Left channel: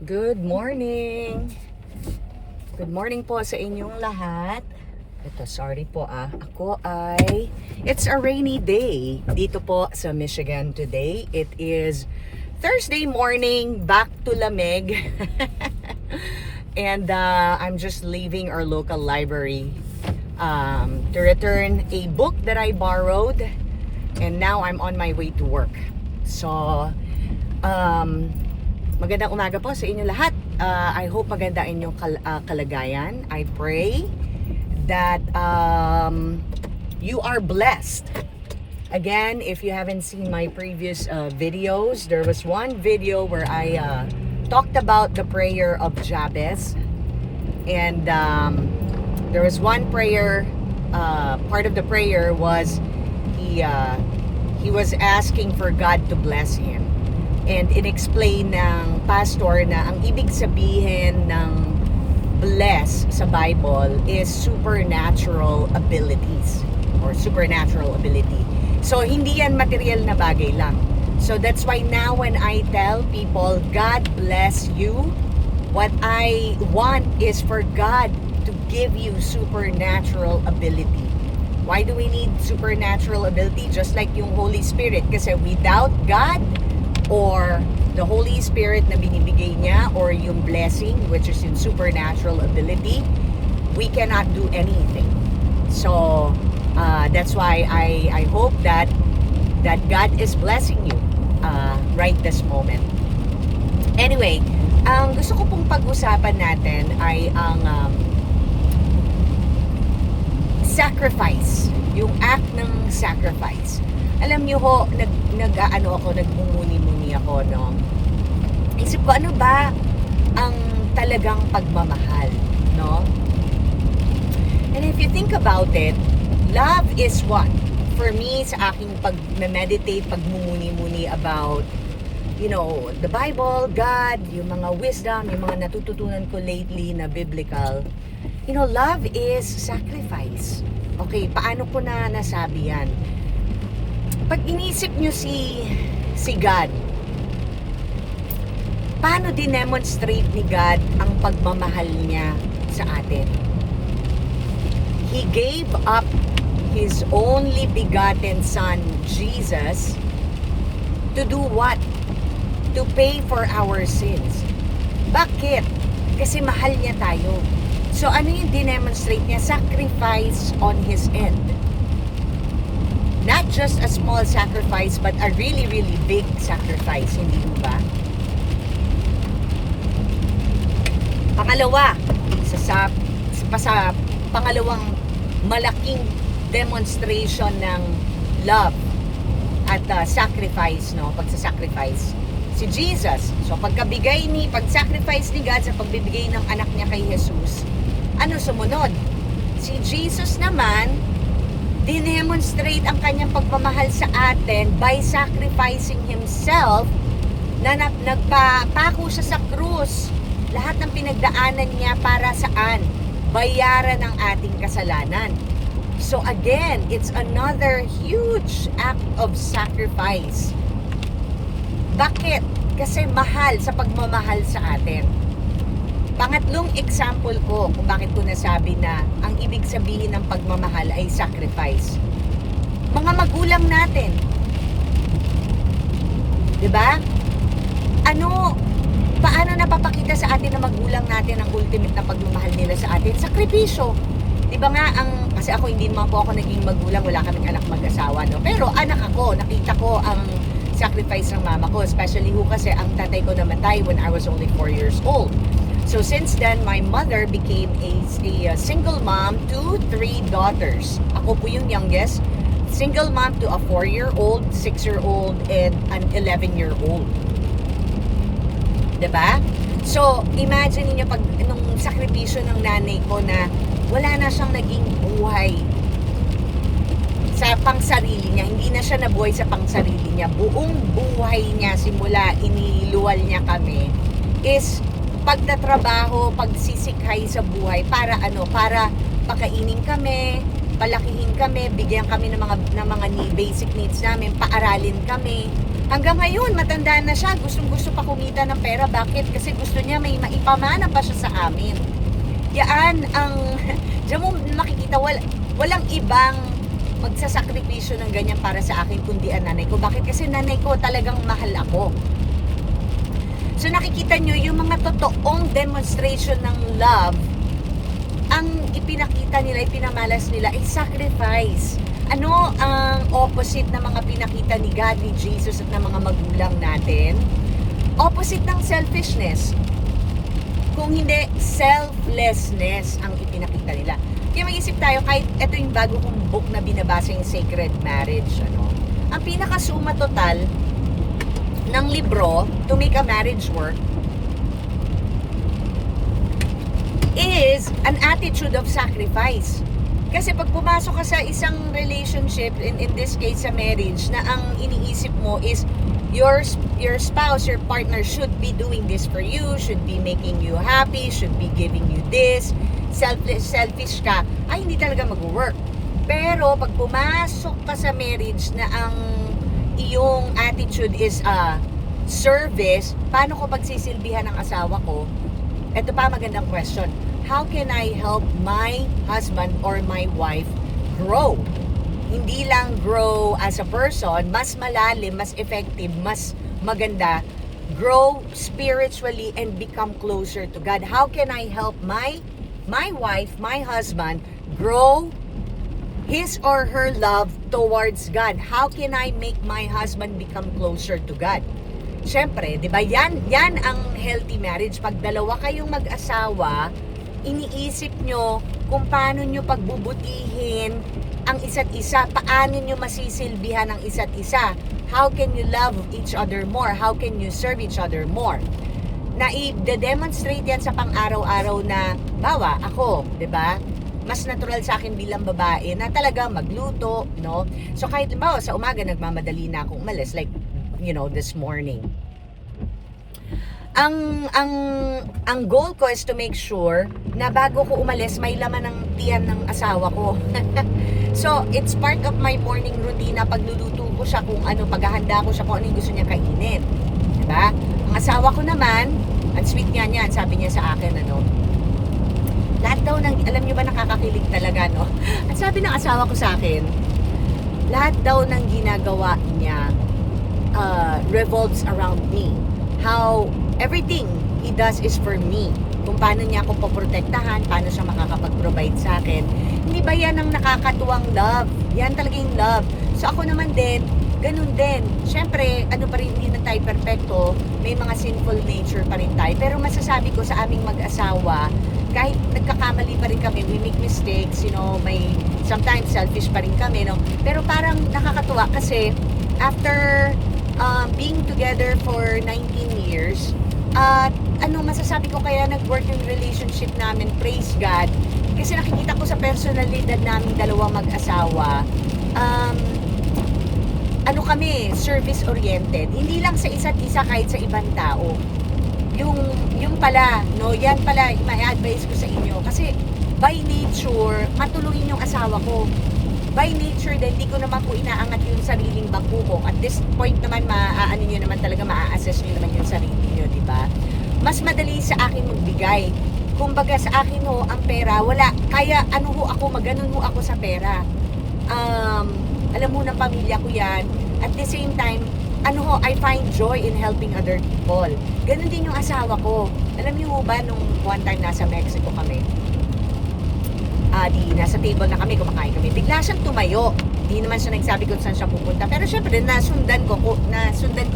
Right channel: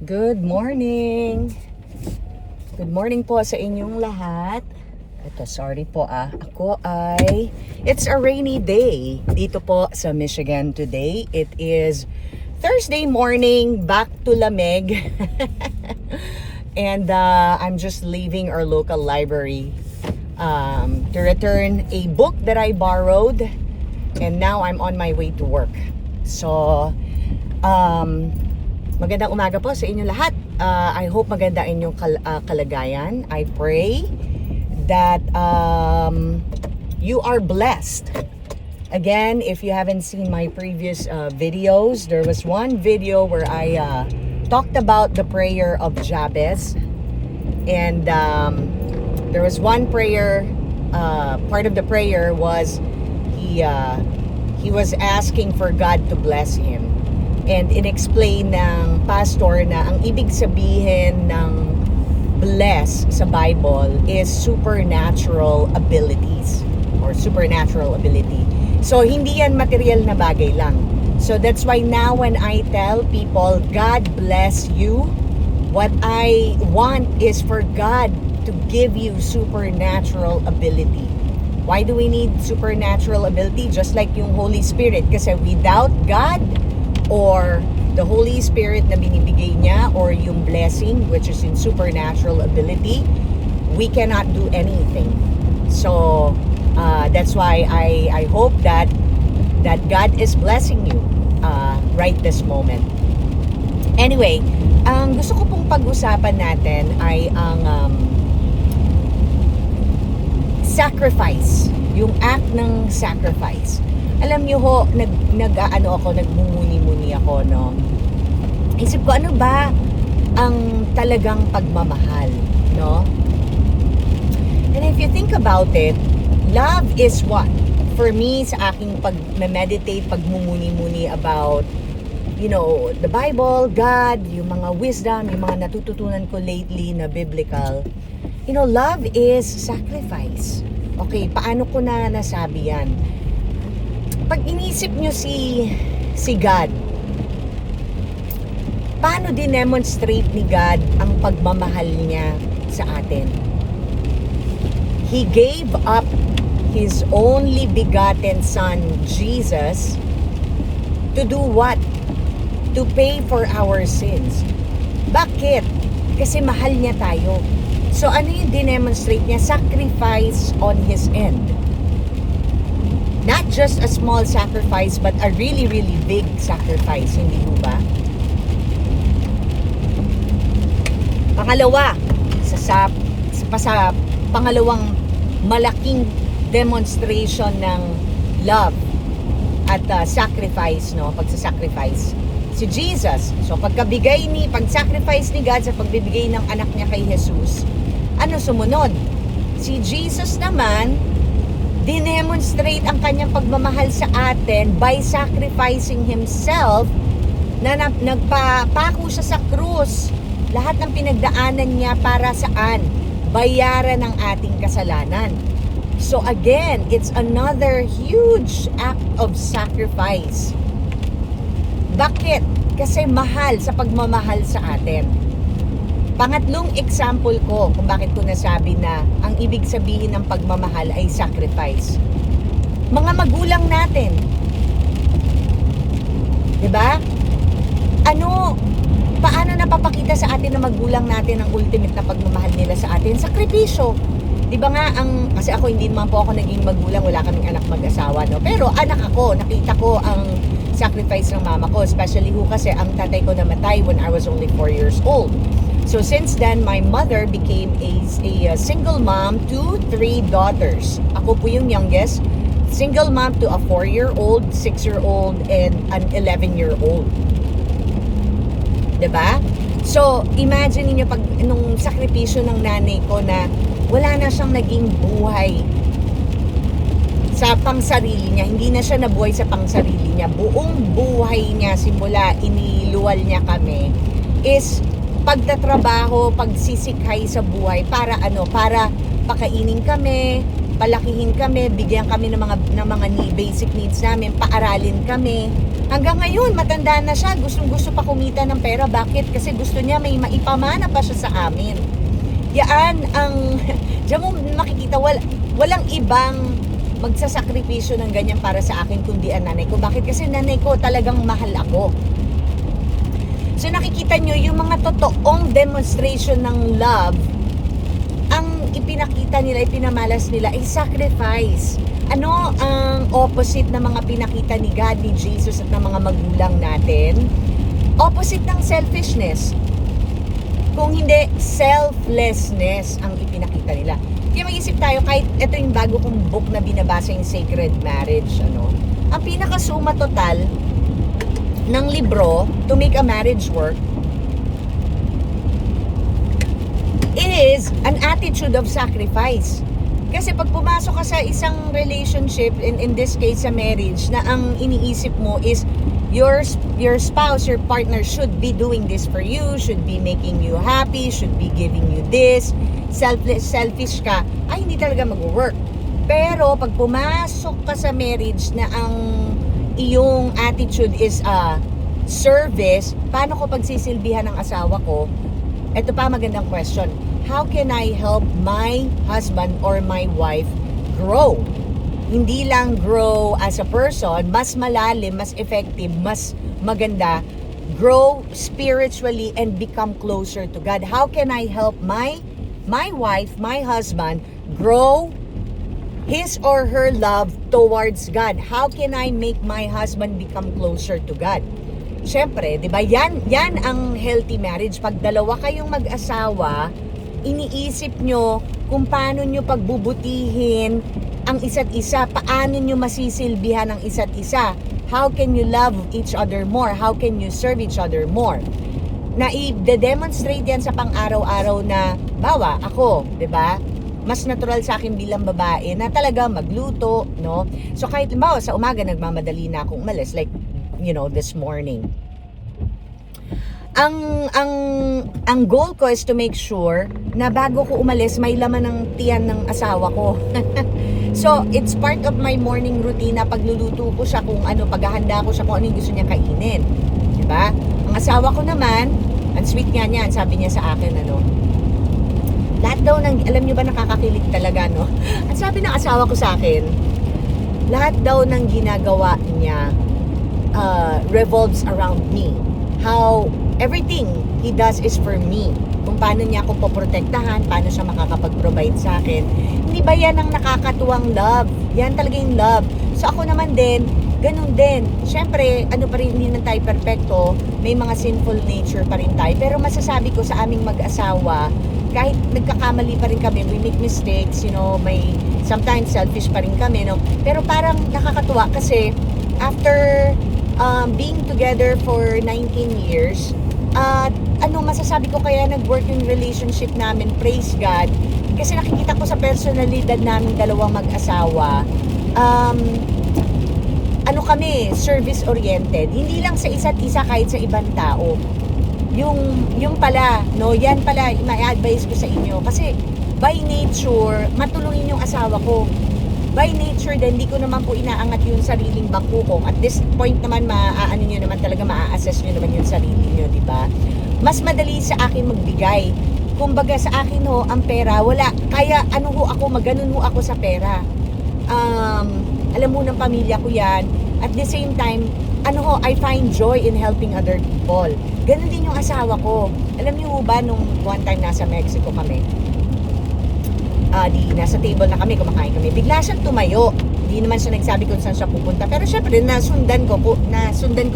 Good morning! Good morning po sa inyong lahat. Ito, sorry po it's a rainy day dito po sa Michigan today. It is Thursday morning, back to lamig. And I'm just leaving our local library to return a book that I borrowed. And now I'm on my way to work. So, magandang umaga po sa inyo lahat. I hope maganda inyong kalagayan. I pray that you are blessed. Again, if you haven't seen my previous videos, there was one video where I talked about the prayer of Jabez. And there was one prayer, part of the prayer was he was asking for God to bless him. And in-explain ng pastor na ang ibig sabihin ng bless sa Bible is supernatural abilities or supernatural ability. So, hindi yan material na bagay lang. So, that's why now when I tell people, God bless you, what I want is for God to give you supernatural ability. Why do we need supernatural ability? Just like yung Holy Spirit. Kasi without God, or the Holy Spirit na binibigay niya, or yung blessing which is in supernatural ability, we cannot do anything. So that's why I hope that God is blessing you right this moment. Anyway, ang gusto ko pong pag-usapan natin ay ang sacrifice, yung act ng sacrifice. Alam niyo ho, nagmumuni-muni ako, no? Isip ko, ano ba ang talagang pagmamahal, no? And if you think about it, love is what? For me, sa aking pag-meditate, pagmumuni-muni about, you know, the Bible, God, yung mga wisdom, yung mga natututunan ko lately na biblical, you know, love is sacrifice. Okay, paano ko na nasabi yan? Pag inisip nyo si God, paano dinemonstrate ni God ang pagmamahal niya sa atin? He gave up His only begotten Son, Jesus, to do what? To pay for our sins. Bakit? Kasi mahal niya tayo. So ano yung dinemonstrate niya? Sacrifice on His end. Not just a small sacrifice, but a really, really big sacrifice, hindi mo ba? Pangalawa, sa pangalawang malaking demonstration ng love at sacrifice, no? Pagsasacrifice. Si Jesus. So, pag-sacrifice ni God sa pagbibigay ng anak niya kay Jesus, ano sumunod? Si Jesus naman, dinemonstrate ang kanyang pagmamahal sa atin by sacrificing Himself na nagpapako siya sa krus. Lahat ng pinagdaanan niya para saan? Bayaran ng ating kasalanan. So again, it's another huge act of sacrifice. Bakit? Kasi mahal sa pagmamahal sa atin. Pangatlong example ko kung bakit ko nasabi na ang ibig sabihin ng pagmamahal ay sacrifice. Mga magulang natin. 'Di ba? Paano napapakita sa atin ng magulang natin ang ultimate na pagmamahal nila sa atin? Sakripisyo. 'Di ba nga kasi ako hindi naman po ako naging magulang, wala kaming anak mag-asawa, no? Pero anak ako, nakita ko ang sacrifice ng mama ko, especially kasi ang tatay ko namatay when I was only 4 years old. So since then, my mother became a single mom to 3 daughters. Ako po yung youngest. Single mom to a 4-year-old, 6-year-old, and an 11-year-old. Diba? So, imagine niyo nung sakripisyo ng nanay ko na wala na siyang naging buhay sa pangsarili niya. Hindi na siya nabuhay sa pangsarili niya. Buong buhay niya, simula iniluwal niya kami, is pagtatrabaho, pagsisikhay sa buhay para pakainin kami, palakihin kami, bigyan kami ng mga basic needs namin, paaralin kami. Hanggang ngayon, matanda na siya, gustong-gusto pa kumita ng pera. Bakit? Kasi gusto niya may maipamana pa siya sa amin. Yan ang, diyan mo makikita, walang ibang magsasakripisyo ng ganyan para sa akin kundi ang nanay ko. Bakit? Kasi nanay ko talagang mahal ako. So nakikita nyo, yung mga totoong demonstration ng love, ang ipinakita nila, ipinamalas nila ay sacrifice. Ano ang opposite ng mga pinakita ni God, ni Jesus at ng mga magulang natin? Opposite ng selfishness. Kung hindi, selflessness ang ipinakita nila. Kaya mag-isip tayo, kahit ito yung bago kong book na binabasa, yung Sacred Marriage, ang pinakasuma total ng libro to make a marriage work is an attitude of sacrifice. Kasi pag pumasok ka sa isang relationship, in this case sa marriage, na ang iniisip mo is your spouse, your partner should be doing this for you, should be making you happy, should be giving you this, selfish ka, ay hindi talaga mag-work. Pero pag pumasok ka sa marriage na ang iyong attitude is service, paano ko pagsisilbihan ng asawa ko? Ito pa magandang question. How can I help my husband or my wife grow? Hindi lang grow as a person, mas malalim, mas effective, mas maganda, grow spiritually and become closer to God. How can I help my wife, my husband grow his or her love towards God? How can I make my husband become closer to God? Siyempre, 'di ba? Yan ang healthy marriage. Pag dalawa kayong mag-asawa, iniisip nyo kung paano nyo pagbubutihin ang isa't isa, paano nyo masisilbihan ang isa't isa. How can you love each other more? How can you serve each other more? Na i-demonstrate yan sa pang-araw-araw na, bawa, ako, 'di ba? Mas natural sa akin bilang babae na talaga magluto, no? So kahit limbawa sa umaga nagmamadali na akong umalis, like, this morning. Ang goal ko is to make sure na bago ko umalis, may laman ng tiyan ng asawa ko. So, it's part of my morning routine na pagluluto ko siya kung ano, paghahanda ko siya kung ano yung gusto niya kainin. Diba? Ang asawa ko naman, ang sweet nga niyan, sabi niya sa akin, lahat daw ng, alam niyo ba, nakakakilig talaga, no? At sabi ng asawa ko sa akin, lahat daw ng ginagawa niya revolves around me. How everything he does is for me. Kung paano niya ako poprotektahan, paano siya makakapag-provide sa akin. Hindi ba yan ang nakakatuwang love? Yan talaga yung love. So ako naman din, ganun din. Siyempre, pa rin, hindi na tayo perfecto. May mga sinful nature pa rin tayo. Pero masasabi ko sa aming mag-asawa, kahit nagkakamali pa rin kami, we make mistakes, may sometimes selfish pa rin kami, no? Pero parang nakakatuwa kasi after being together for 19 years, masasabi ko kaya nag-work yung relationship namin, praise God, kasi nakikita ko sa personalidad namin dalawang mag-asawa, kami, service oriented, hindi lang sa isa't isa, kahit sa ibang tao. Yung pala, no, yan pala ma-advise ko sa inyo, kasi by nature matulungin yung asawa ko. By nature din, hindi ko naman po inaangat yung sariling bangko ko. At this point naman, maaano nyo naman talaga, maa-assess nyo naman yung sarili nyo, di ba? Mas madali sa akin magbigay. Kumbaga sa akin ho, ang pera, wala. Kaya maganon ho ako sa pera. Alam mo ng pamilya ko yan. At the same time, I find joy in helping other people. Ganon din yung asawa ko. Alam niyo ba, nung one time nasa Mexico kami, nasa table na kami, kumakain kami, bigla siyang tumayo. Hindi naman siya nagsabi kung saan siya pupunta, pero syempre nasundan ko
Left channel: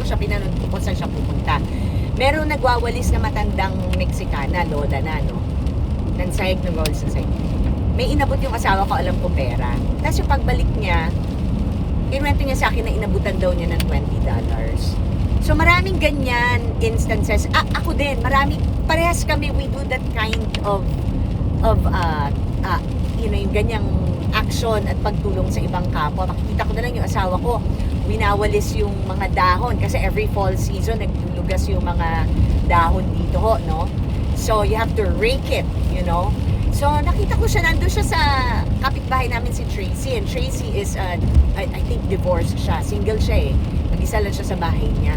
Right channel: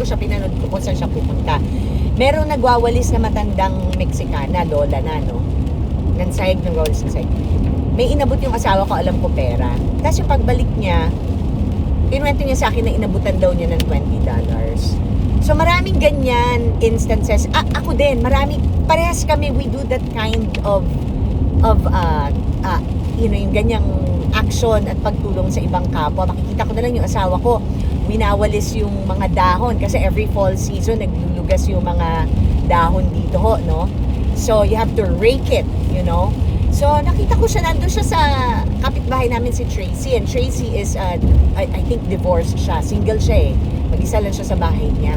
siya, pinanood ko kung saan siya pupunta. Meron nagwawalis na matandang Mexicana, lola na, no? Nagwawalis ng sahig. May inabot yung asawa ko, alam ko pera. Tapos yung pagbalik niya, kinuwento niya sa akin na inabutan daw niya ng $20. So maraming ganyan instances. Ako din, parehas kami, we do that kind of yung ganyang action at pagtulong sa ibang kapwa. Makikita ko na lang yung asawa ko, winawalis yung mga dahon kasi every fall season naglulugas yung mga dahon dito ho, no? So you have to rake it, So, nakita ko siya, nandun siya sa kapitbahay namin si Tracy. And Tracy is, I think divorced siya. Single siya eh. Mag-isa lang siya sa bahay niya.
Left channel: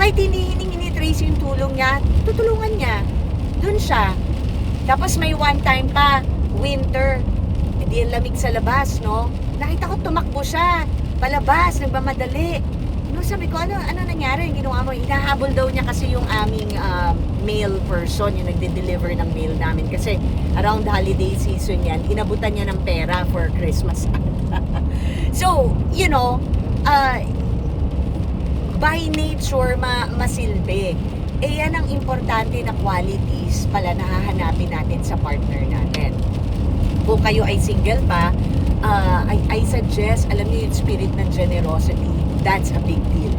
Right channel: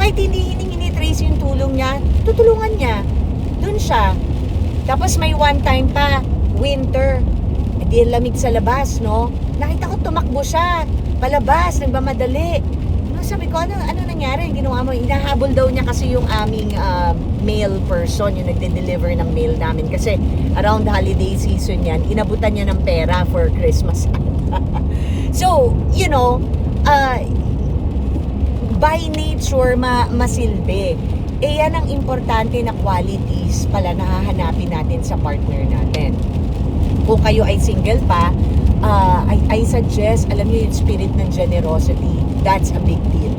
Kahit hindi hiningi ni Tracy yung tulong niya, tutulungan niya. Dun siya. Tapos may one time pa, winter. E di lamig sa labas, no? Nakita ko tumakbo siya. Palabas, nagmamadali. No, sabi ko, ano nangyari? Ginawa mo, hinahabol daw niya kasi yung aming mail person, yung nagde-deliver ng mail namin. Kasi around holiday season yan, inabutan niya ng pera for Christmas. So, you know, by nature, masilbi. Eh, yan ang importante na qualities pala na hahanapin natin sa partner natin. Kung kayo ay single pa, I suggest, alam niyo yung spirit ng generosity. That's a big deal.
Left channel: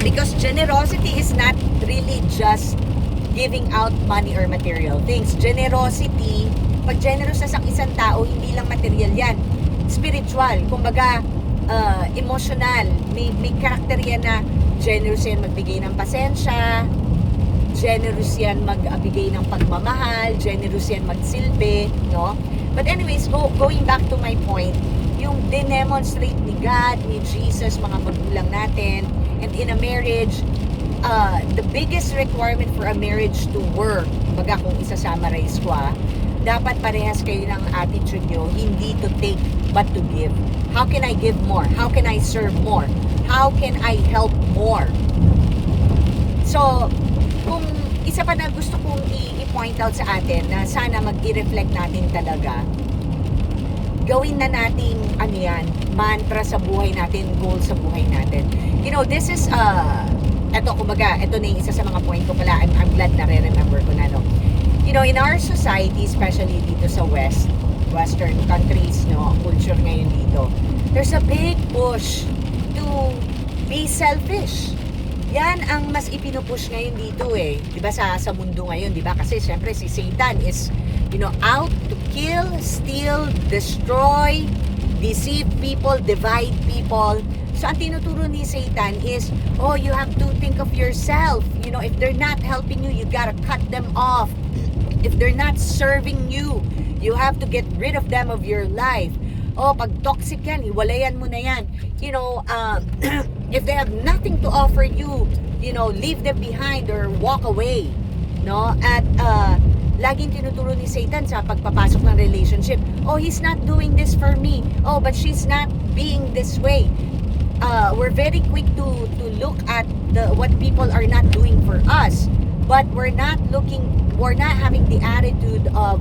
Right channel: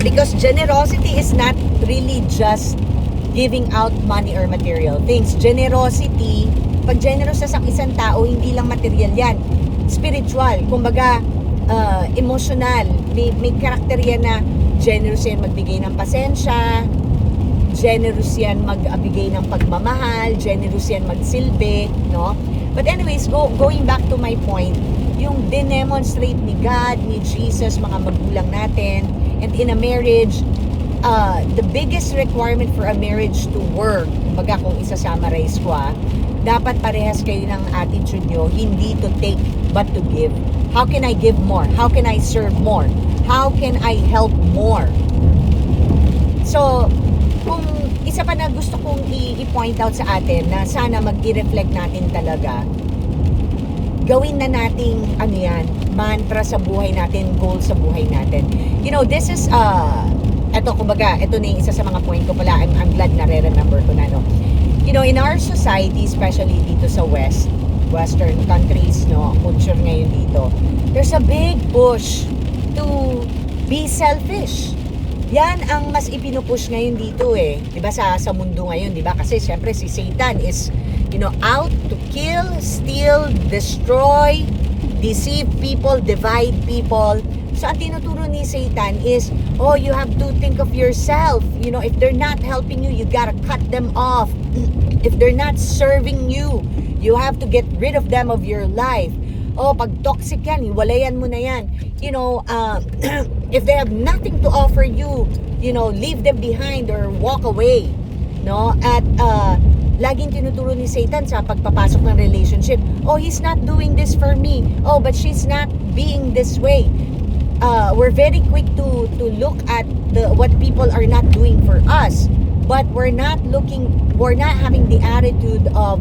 Because generosity is not really just giving out money or material things. Generosity, pag generous sa isang tao, hindi lang material yan. Spiritual, kumbaga, emotional. May karakter yan na generous yan magbigay ng pasensya, generous yan magbigay ng pagmamahal, generous yan magsilbi, no? But anyways, going back to my point, yung dinemonstrate ni God, ni Jesus, mga magulang natin, and in a marriage, the biggest requirement for a marriage to work, baga kung isa-summarize ko, dapat parehas kayo ng attitude nyo, hindi to take, but to give. How can I give more? How can I serve more? How can I help more? So, kung isa pa na gusto kong i-point out sa atin na sana mag-i-reflect natin talaga, gawin na nating ano yan, mantra sa buhay natin, goal sa buhay natin. You know, this is eto kumbaga, ito na yung isa sa mga point ko pala. I'm glad na re-remember ko na, no. You know, in our society, especially dito sa western countries, no, culture ngayon dito, there's a big push to be selfish. Yan ang mas ipinupush ngayon dito eh. 'Di ba sa mundo ngayon, 'di ba? Kasi syempre si Satan is, you know, out to kill, steal, destroy, deceive people, divide people. So ang tinuturo ni Satan is, oh, you have to think of yourself. You know, if they're not helping you, you gotta cut them off. If they're not serving you, you have to get rid of them of your life. Oh, pag toxic yan, hiwalayan mo na yan. You know, if they have nothing to offer you, you know, leave them behind or walk away. No? At laging tinuturo ni Satan sa pagpapasok ng relationship, oh, he's not doing this for me. Oh, but she's not being this way. We're very quick to look at what people are not doing for us, but we're not having the attitude of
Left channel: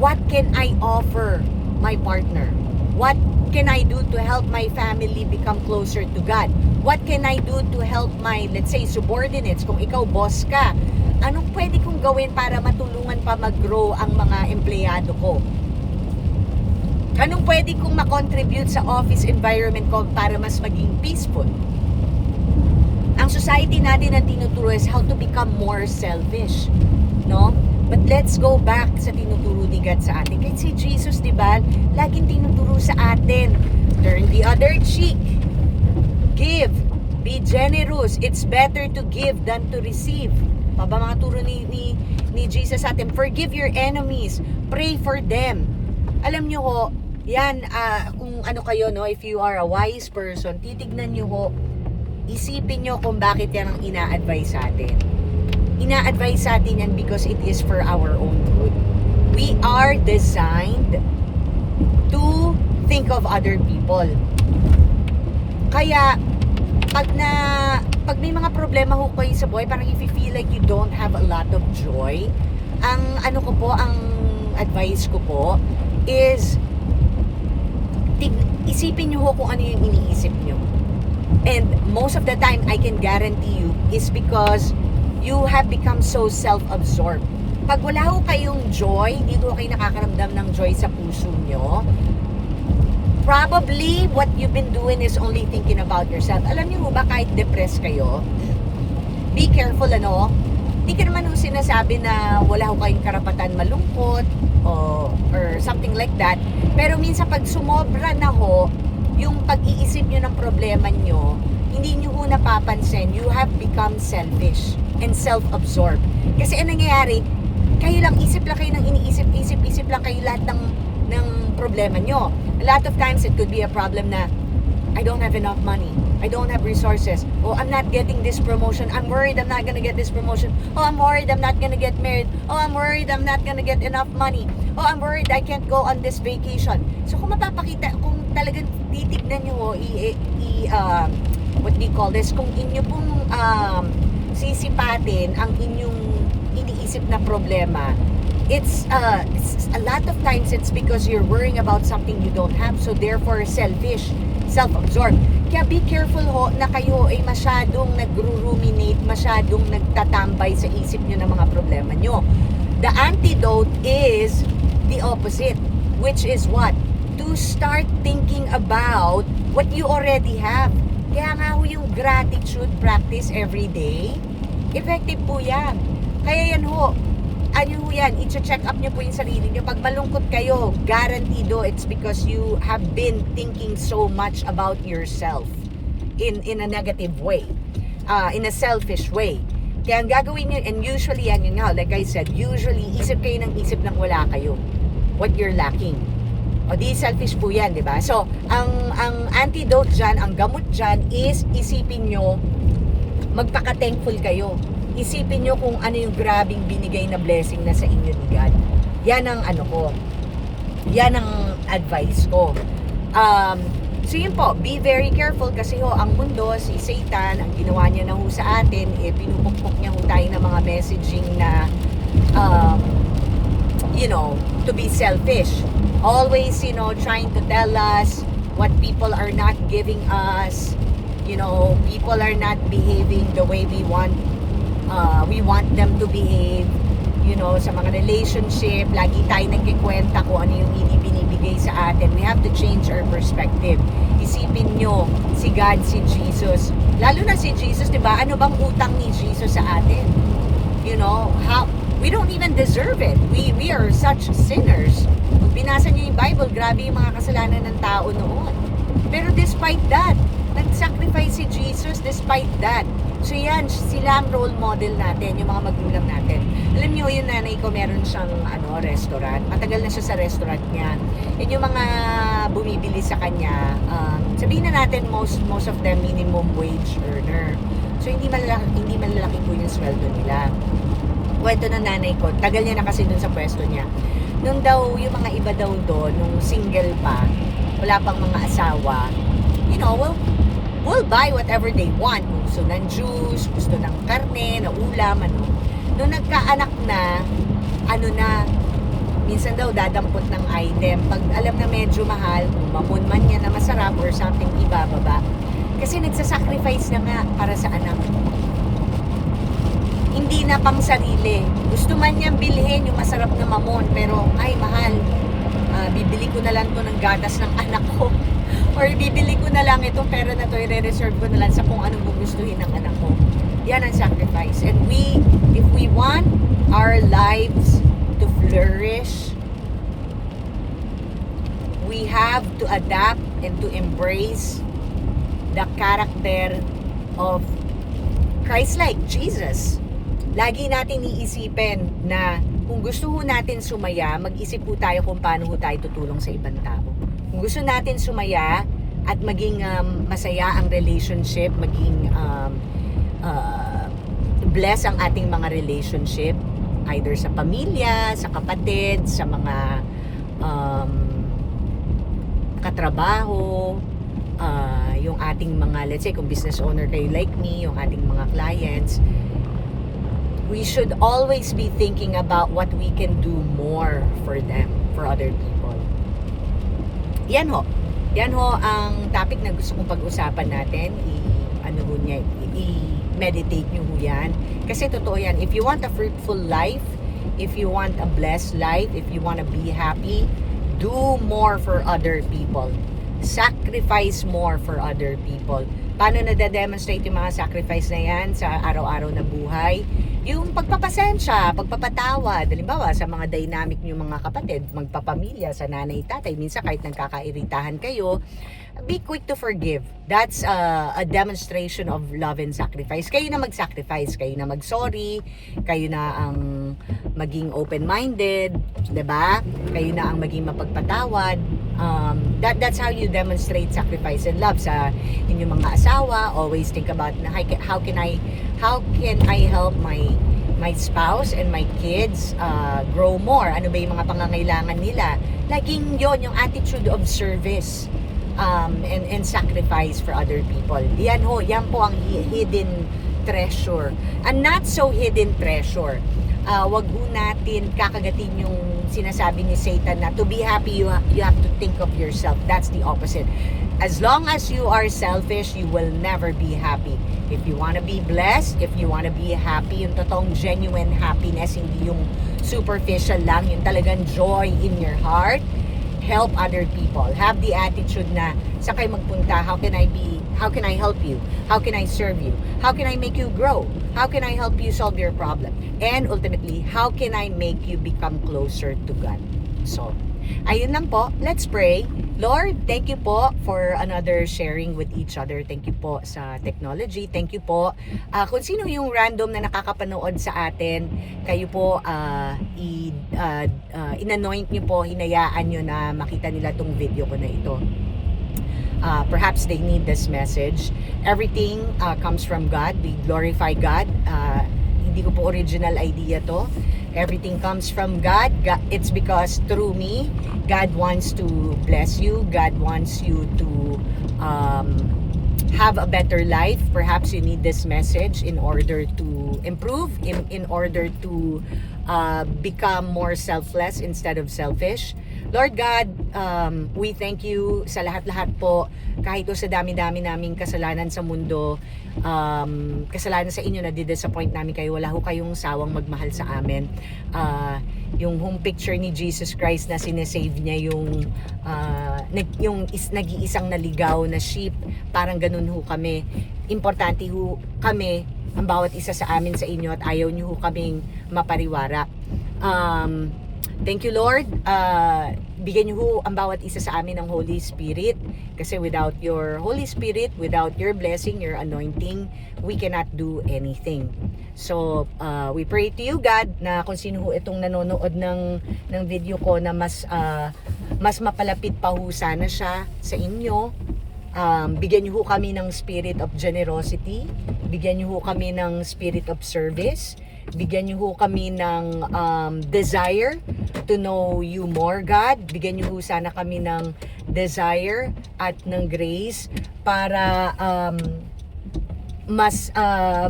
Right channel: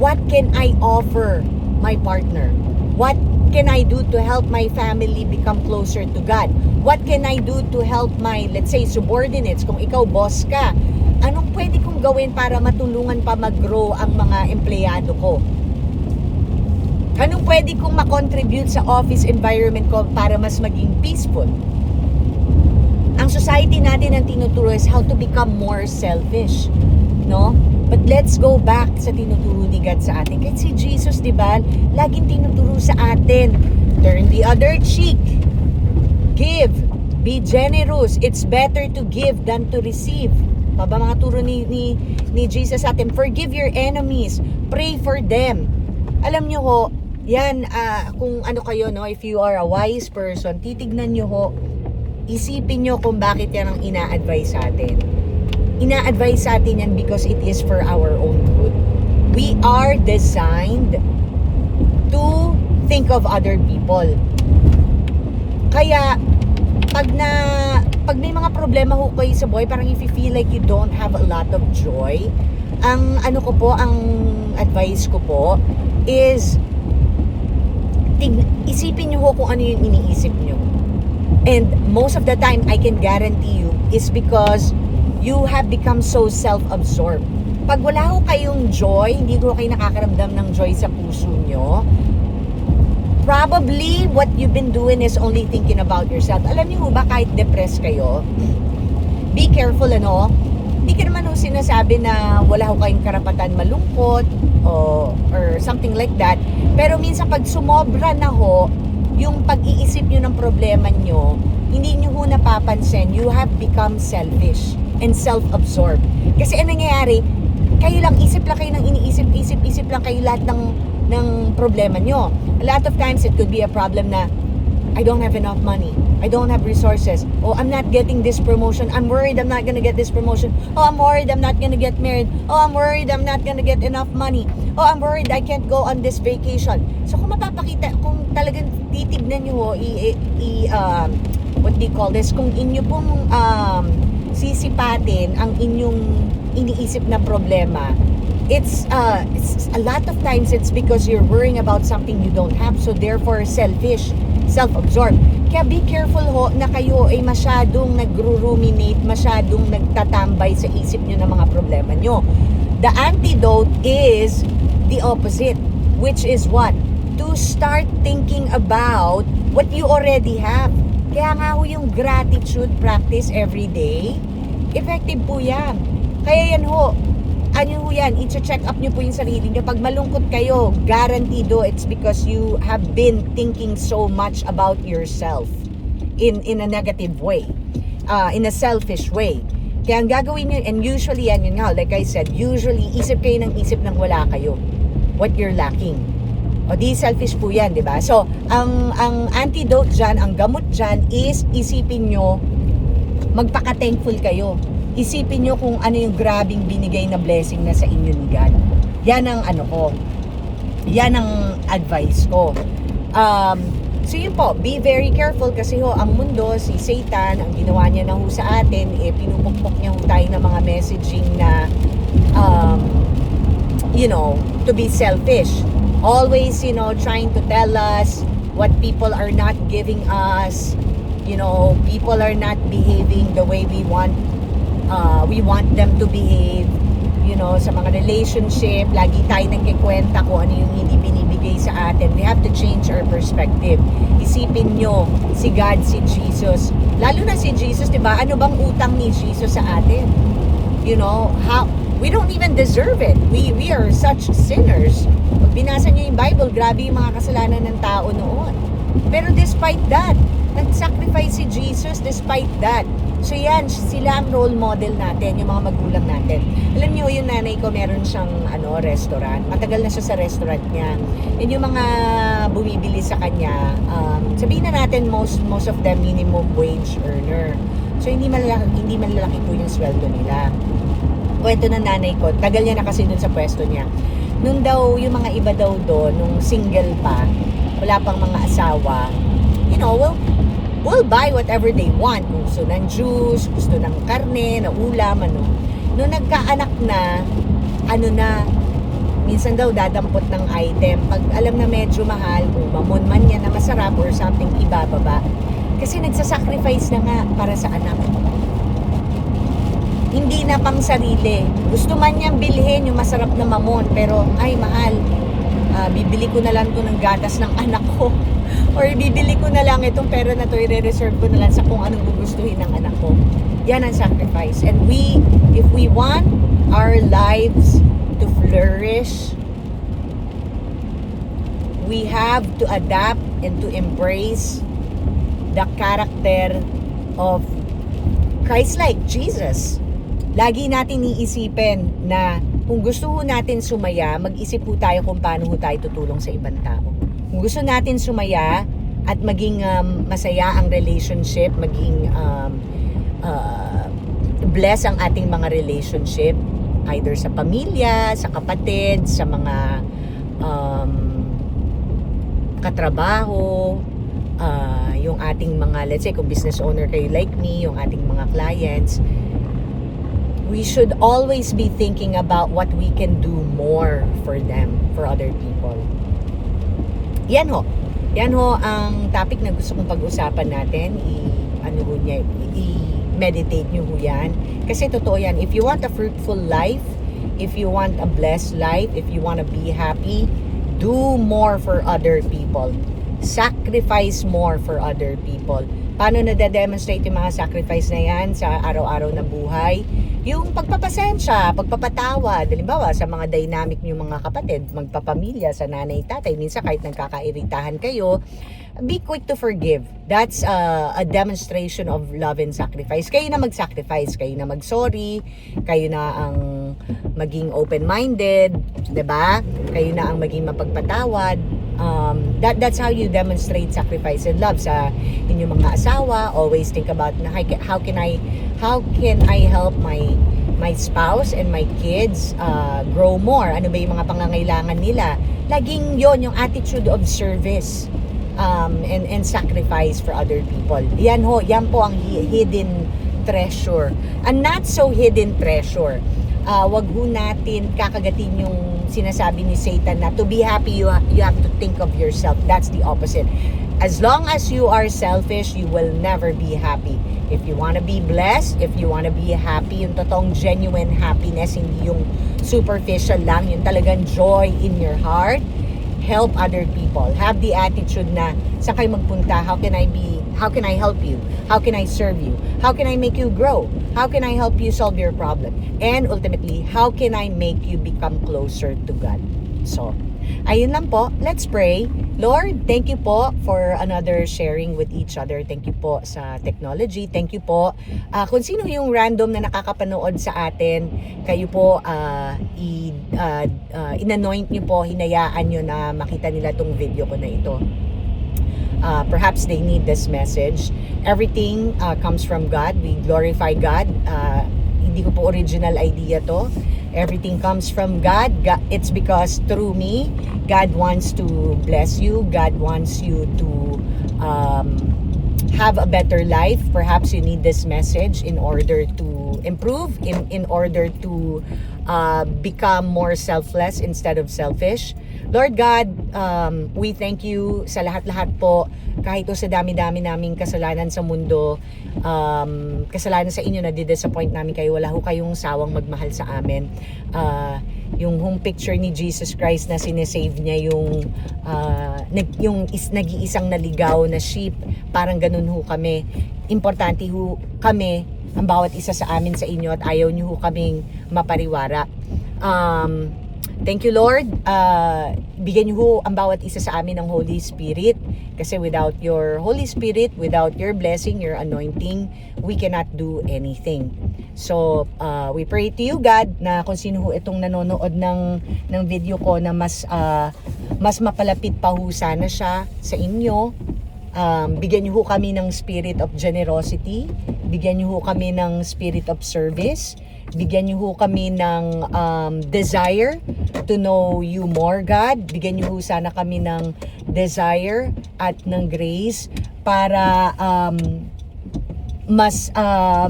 what can I offer my partner? What can I do to help my family become closer to God? What can I do to help my, let's say, subordinates? Kung ikaw boss ka, anong pwede kong gawin para matulungan pa mag-grow ang mga empleyado ko? Anong pwede kong makontribute sa office environment ko para mas maging peaceful? Ang society natin ang tinuturo is how to become more selfish, no? But let's go back sa tinuturo ni God sa atin. Kahit si Jesus, di ba, laging tinuturo sa atin, turn the other cheek, give, be generous. It's better to give than to receive. Pa ba mga turo ni Jesus sa atin? Forgive your enemies, pray for them. Alam nyo ho, yan, kung ano kayo, no, if you are a wise person, titignan nyo ho, isipin nyo kung bakit yan ang ina-advise sa atin. Ina-advise sa atin yan because it is for our own good. We are designed to think of other people. Kaya, pag may mga problema ho kayo sa buhay, parang if you feel like you don't have a lot of joy, ang advice ko po is isipin nyo ho kung ano yung iniisip nyo. And most of the time, I can guarantee you, is because you have become so self-absorbed. Pag wala ho kayong joy, hindi ko kayo nakakaramdam ng joy sa puso nyo, probably what you've been doing is only thinking about yourself. Alam niyo ba, kahit depressed kayo, be careful, ano? Hindi ka naman ho sinasabi na wala ho kayong karapatan malungkot or something like that. Pero minsan pag sumobra na ho, yung pag-iisip nyo ng problema nyo, hindi nyo ho napapansin, you have become selfish and self-absorbed. Kasi ano nangyayari, kayo lang, isip lang kayo ng iniisip, isip lang kayo lahat ng problema nyo. A lot of times, it could be a problem na, I don't have enough money. I don't have resources. Oh, I'm not getting this promotion. I'm worried I'm not gonna get this promotion. Oh, I'm worried I'm not gonna get married. Oh, I'm worried I'm not gonna get enough money. Oh, I'm worried I can't go on this vacation. So, kung mapapakita, kung talagang titignan nyo, what do you call this? Kung inyo pong sisipatin ang inyong iniisip na problema, it's a lot of times it's because you're worrying about something you don't have, so therefore selfish, self-absorbed. Kaya be careful ho na kayo ay masyadong nagru-ruminate, masyadong nagtatambay sa isip nyo ng mga problema nyo. The antidote is the opposite, which is what? To start thinking about what you already have. Kaya nga ho yung gratitude practice every day, effective po yan. Kaya yan ho, ano ho yan, i-check up nyo po yung sarili nyo. Pag malungkot kayo, garantido, it's because you have been thinking so much about yourself in a negative way, in a selfish way. Kaya ang gagawin nyo, and usually yan yun nga, like I said, usually isip kayo ng isip ng wala kayo, what you're lacking. O di selfish po yan, di ba? So, ang antidote dyan, ang gamot dyan is isipin nyo, magpaka-thankful kayo. Isipin nyo kung ano yung grabing binigay na blessing na sa inyo ni God. Yan ang ano ko. Yan ang advice ko. So yun po, be very careful kasi ho, ang mundo, si Satan, ang ginawa niya na ho sa atin, pinupukpok niya ho tayo ng mga messaging na, to be selfish. Always, trying to tell us what people are not giving us. People are not behaving the way we want them to behave. Sa mga relationship, lagi tayo nagkikwenta kung ano yung hindi binibigay sa atin. We have to change our perspective. Isipin nyo, si God, si Jesus. Lalo na si Jesus, diba? Ano bang utang ni Jesus sa atin? We don't even deserve it. We are such sinners. Pag binasa nyo yung Bible, grabe yung mga kasalanan ng tao noon. Pero despite that, nag-sacrifice si Jesus despite that. So yan, sila ang role model natin, yung mga magulang natin. Alam niyo, yung nanay ko, meron siyang restaurant. Matagal na siya sa restaurant niya. And yung mga bumibili sa kanya, sabihin na natin most of them minimum wage earner. So hindi malalaki po yung sweldo nila. Kwento ng nanay ko, tagal niya na kasi dun sa pwesto niya. Nung daw, yung mga iba daw doon, nung single pa, wala pang mga asawa, we'll buy whatever they want. Kung gusto ng juice, gusto ng karne, na ulam, Nung nagkaanak na, minsan daw dadampot ng item. Pag alam na medyo mahal, kung mamon man yan na masarap or something, ibababa. Kasi nagsasacrifice na nga para sa anak. Hindi na pang sarili. Gusto man niyang bilhin yung masarap na mamon, pero ay mahal. Bibili ko na lang to ng gatas ng anak ko. Or bibili ko na lang itong pera na to, i-reserve ko na lang sa kung anong gugustuhin ng anak ko. Yan ang sacrifice. And if we want our lives to flourish, we have to adapt and to embrace the character of Christ-like Jesus. Lagi natin iisipin na kung gusto ho natin sumaya, mag-isip po tayo kung paano ho tayo tutulong sa ibang tao. Kung gusto natin sumaya at maging masaya ang relationship, maging bless ang ating mga relationship, either sa pamilya, sa kapatid, sa mga katrabaho, yung ating mga, let's say, kung business owner kayo like me, yung ating mga clients, we should always be thinking about what we can do more for them, for other people. Yan ho ang topic na gusto kong pag-usapan natin. I-meditate nyo ho yan. Kasi totoo yan, if you want a fruitful life, if you want a blessed life, if you want to be happy, do more for other people. Sacrifice more for other people. Paano nade-demonstrate yung mga sacrifice na yan sa araw-araw na buhay? Yung pagpapasensya, pagpapatawa, halimbawa sa mga dynamic nyo mga kapatid, magpapamilya, sa nanay, tatay, minsan kahit nagkakairitahan kayo, be quick to forgive. That's a demonstration of love and sacrifice. Kayo na mag-sacrifice, kayo na mag-sorry, kayo na ang maging open-minded, 'di ba? Kayo na ang maging mapagpatawad. That's how you demonstrate sacrifice and love sa inyong mga asawa. Always think about how can I help my spouse and my kids grow more. Ano ba yung mga pangangailangan nila? Laging yon yung attitude of service and sacrifice for other people. Yan po ang hidden treasure. And not so hidden treasure. Wag ho natin kakagatin yung sinasabi ni Satan na to be happy you have to think of yourself. That's the opposite. As long as you are selfish, you will never be happy. If you want to be blessed, if you want to be happy, yung totoong genuine happiness, hindi yung superficial lang, yung talagang joy in your heart, help other people. Have the attitude na saan kayo magpunta, how can I help you? How can I serve you? How can I make you grow? How can I help you solve your problem? And ultimately, how can I make you become closer to God? So, ayun lang po. Let's pray. Lord, thank you po for another sharing with each other. Thank you po sa technology. Thank you po. Kung sino yung random na nakakapanood sa atin, kayo po in-anoint nyo po, hinayaan nyo na makita nila tong video ko na ito. Perhaps they need this message. Everything comes from God. We glorify God. Hindi ko po original idea to. Everything comes from God. It's because through me, God wants to bless you. God wants you to have a better life. Perhaps you need this message in order to improve, in order to become more selfless instead of selfish. Lord God, we thank you sa lahat-lahat po, kahit o sa dami-dami naming kasalanan sa mundo, kasalanan sa inyo na di-disappoint namin kayo, wala ho kayong sawang magmahal sa amin. Yung home picture ni Jesus Christ na sinesave niya yung nag-iisang naligaw na sheep, parang ganun ho kami. Importante ho kami, ang bawat isa sa amin sa inyo, at ayaw niyo ho kaming mapariwara. Thank you, Lord. Bigyan niyo ho ang bawat isa sa amin ng Holy Spirit. Kasi without your Holy Spirit, without your blessing, your anointing, we cannot do anything. So, we pray to you, God, na kung sino ho itong nanonood ng video ko na mas mapalapit pa ho sana siya sa inyo. Bigyan niyo ho kami ng spirit of generosity. Bigyan niyo ho kami ng spirit of service. Bigyan niyo ho kami ng desire to know you more, God. Bigyan niyo ho sana kami ng desire at ng grace para mas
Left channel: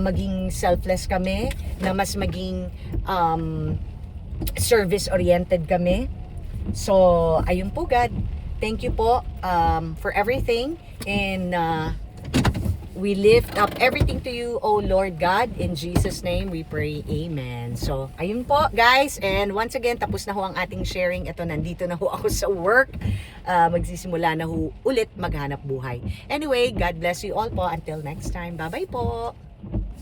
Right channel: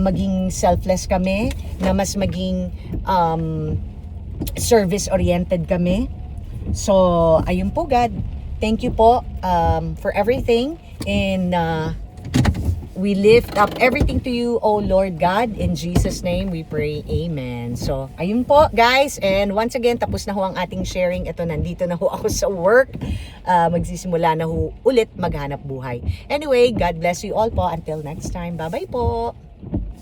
maging selfless kami, na mas maging service-oriented kami. So, ayun po, God. Thank you po for everything. And we lift up everything to you, oh Lord God. In Jesus' name we pray, amen. So, ayun po guys. And once again, tapos na ho ang ating sharing. Ito, nandito na ho ako sa work. Magsisimula na ho ulit maghanap buhay. Anyway, God bless you all po. Until next time. Bye-bye po.